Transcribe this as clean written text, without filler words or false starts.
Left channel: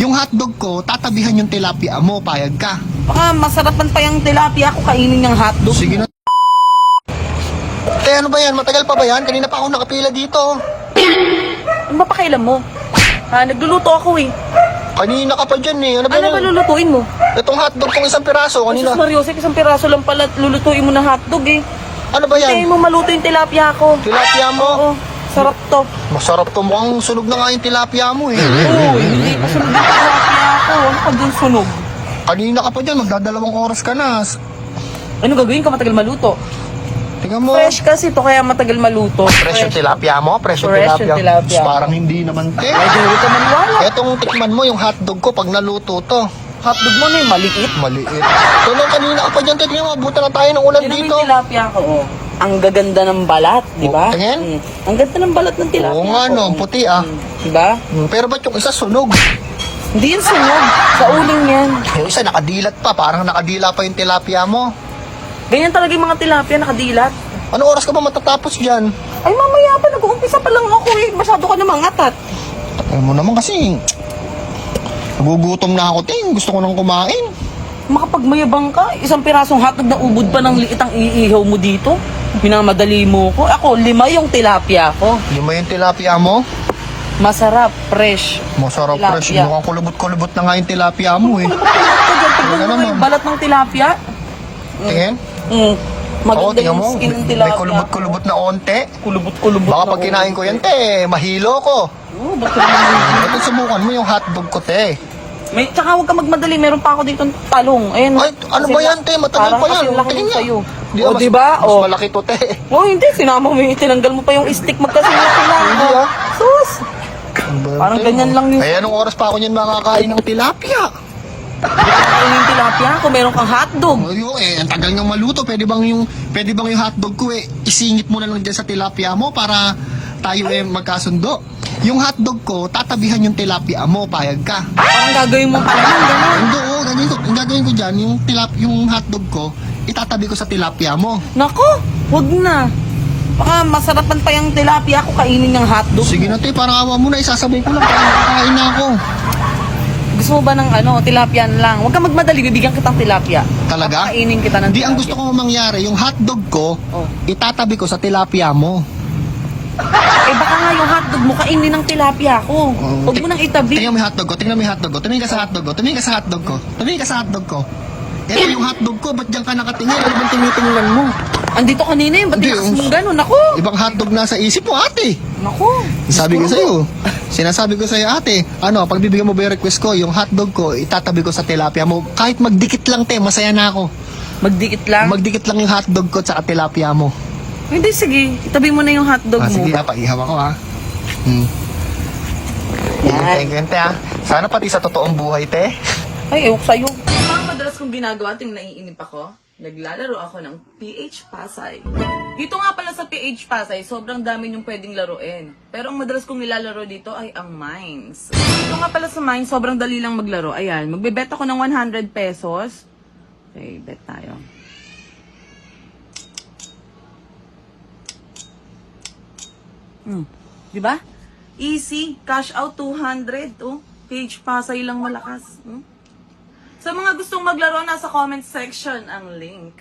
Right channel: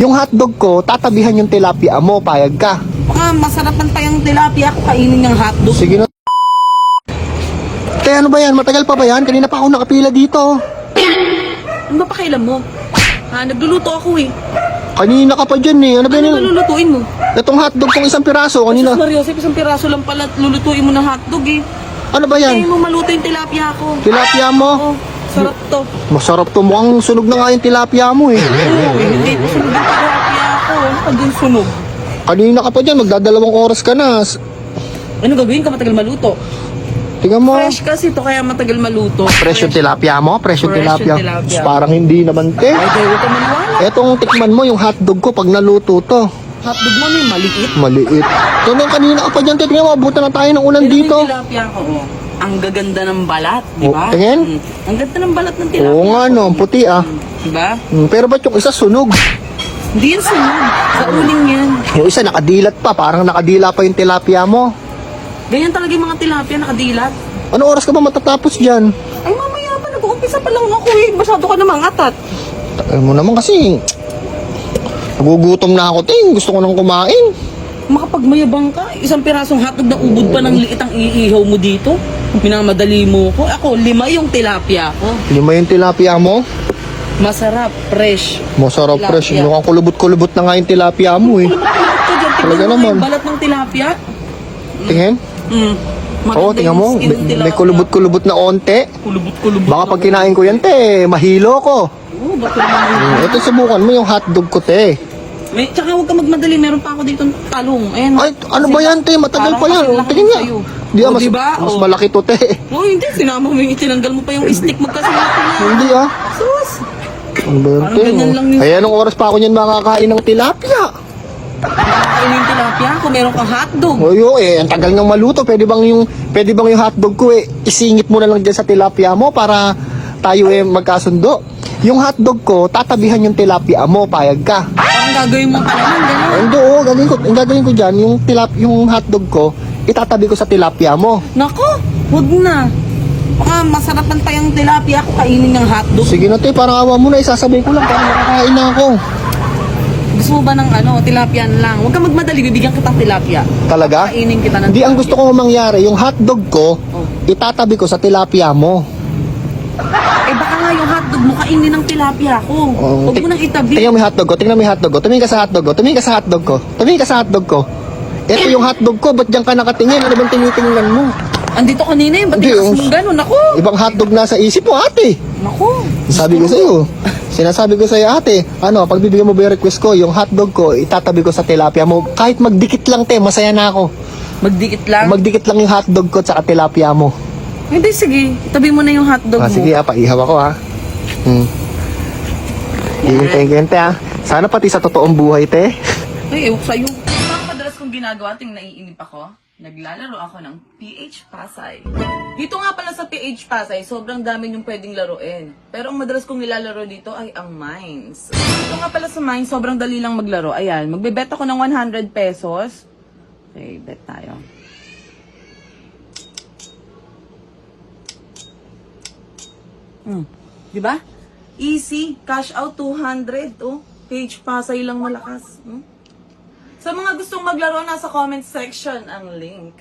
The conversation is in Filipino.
Yung hotdog ko, tatabihan yung tilapia mo, payag ka. Baka masarapan pa yung tilapia ko kainin yung hotdog. Sige na. Kaya ano ba yan? Matagal pa ba yan? Kanina pa ako nakapila dito. Ano ba pakialam mo? Ha, nagluluto ako eh. Kanina ka pa dyan eh. Ano ba Ano yan? ba lulutuin mo? Itong hotdog ng isang piraso Ay, kanina. sus Mariosep, isang piraso lang pala lulutuin mo ng hotdog eh. Ano ba Kaya yan? mo maluto yung tilapia ko. Tilapia mo? Oo, sarap to. Masarap to. Mukhang sunog na nga yung tilapia mo eh. Hindi, sunog yung tilapia ko. Ano ka dun sunog? Kanina ka pa dyan. Magdadalawang oras ka na. Ano gagawin ka matagal maluto? Tingnan mo. Fresh kasi to kaya matagal maluto. Fresh yung tilapia mo? Fresh yung tilapia. Parang hindi naman te. Hindi ko maniwala. Itong tikman mo yung hotdog ko pag naluto to. Hotdog mo may maliit. Maliit. Kanina ka pa dyan. Tingnan mo. Buti na tayo ng ulang Tignan mo dito. yung tilapia ko. Oh. Ang gaganda ng balat, di ba? Tingin? Ang ganda ng balat ng tilapia. Oo nga no. Ang puti ah. Di ba? Pero ba't yung isa sunog? Hindi yan sunog. Sa uling yan. Yung isa nakadilat pa. Parang nakadila pa yung tilapia mo. Ganyan talaga yung mga tilapia nakadilat. Anong oras ka ba matatapos dyan? Ay mamaya pa, nag-uumpisa pa lang ako eh. Masyado ka namang atat. Alam mo naman kasi. Nagugutom na ako ting. Gusto ko nang kumain. Makapagmayabang ka, isang pirasong hotdog na ubod pa ng liit ang iihaw mo dito. Minamadali mo ko. Ako, 5 yung tilapia ko. Lima yung tilapia mo. Masarap, fresh. Masarap fresh. Tilapia. Mukhang kulubot-kulubot na nga yung tilapia mo eh. Tignan mo naman. yung balat ng tilapia. Tingin? Mm. Oo, Maganda tingnan yung mo. skin ng May tilapia. kulubot-kulubot na onte. Kulubot-kulubot. Baka pag kinain ko yan, te, mahilo ko. Oo, bakit naman? Ito, subukan mo yung hotdog ko, te. May, tsaka huwag ka magmadali, meron pa ako dito talong. Ayun. Ay, ano ba yan, te? Matagal parang pa yan. kasi laki Tingnan yun nga. sa'yo. Di, O, mas- diba? Mas O. malaki to, te. Oh, hindi. Sinama mo yung itinanggal mo pa yung stick magkasunod sila. Hindi, ah. Sus! Ano, Parang te? ganyan lang yung- Kaya anong oras pa ako niyan makakain ng tilapia? Ayun yung tilapia ko, meron kang hotdog. Oyo, eh, ang tagal niyang maluto. Pwede bang yung hotdog ko eh, isingit mo na lang dyan sa tilapia mo para tayo eh magkasundo. Yung hotdog ko, tatabihan yung tilapia mo, payag ka. Parang gagawin mo pala ng gano'n. Ando, ang gagawin ko dyan, yung hotdog ko, itatabi ko sa tilapia mo. Nako, wag na. Baka masarapan pa yung tilapia ko kainin ng hotdog. Sige na te, parang awa mo na, isasabay ko lang para makakain na ako. Gusto mo ba ng tilapia lang? Huwag ka magmadali, bibigyan kitang tilapia. Talaga? Kainin kita ng Hindi, ang tilapia. gusto ko mangyari, yung hotdog ko, Oh. itatabi ko sa tilapia mo. Eh baka nga yung hotdog mo kainin ng tilapia ko. Huwag mo nang itabi. Tingnan mo yung hotdog ko, tingnan mo yung hotdog ko. Tumingin ka sa hotdog ko, tumingin ka sa hotdog ko. Tumingin ka sa hotdog ko. Ito yung hotdog ko, ba't diyan ka nakatingin? Ano bang tinitingnan mo? Andito kanina yung ba't Hindi, yung yung- gano'n? Naku! Ibang hotdog nasa isip mo, ate. Naku! Sabi ko sa'yo. Sinasabi ko sa'yo, ate, pag bibigyan mo ba yung request ko, yung hotdog ko, itatabi ko sa tilapia mo. Kahit magdikit lang, te, masaya na ako. Magdikit lang? Magdikit lang yung hotdog ko sa tilapia mo. Hindi, sige. Itabi mo na yung hotdog mo. Sige, paihaw ako, ha. Thank you, Sana pati sa totoong buhay, te. Ay, ewan ko sa'yo. Ang madalas kong ginagawa, ting naiinip ako, naglalaro ako ng PH Pasay. Dito nga pala sa PH Pasay, sobrang dami yung pwedeng laruin. Pero ang madalas kong nilalaro dito ay ang Mines. Dito nga pala sa Mines, sobrang dali lang maglaro. Ayan, magbebet ako ng 100 pesos. Okay, bet tayo. Di ba? Easy. Cash out 200. Oh. PH Pasay lang malakas. Sa mga gustong maglaro, nasa comment section ang link.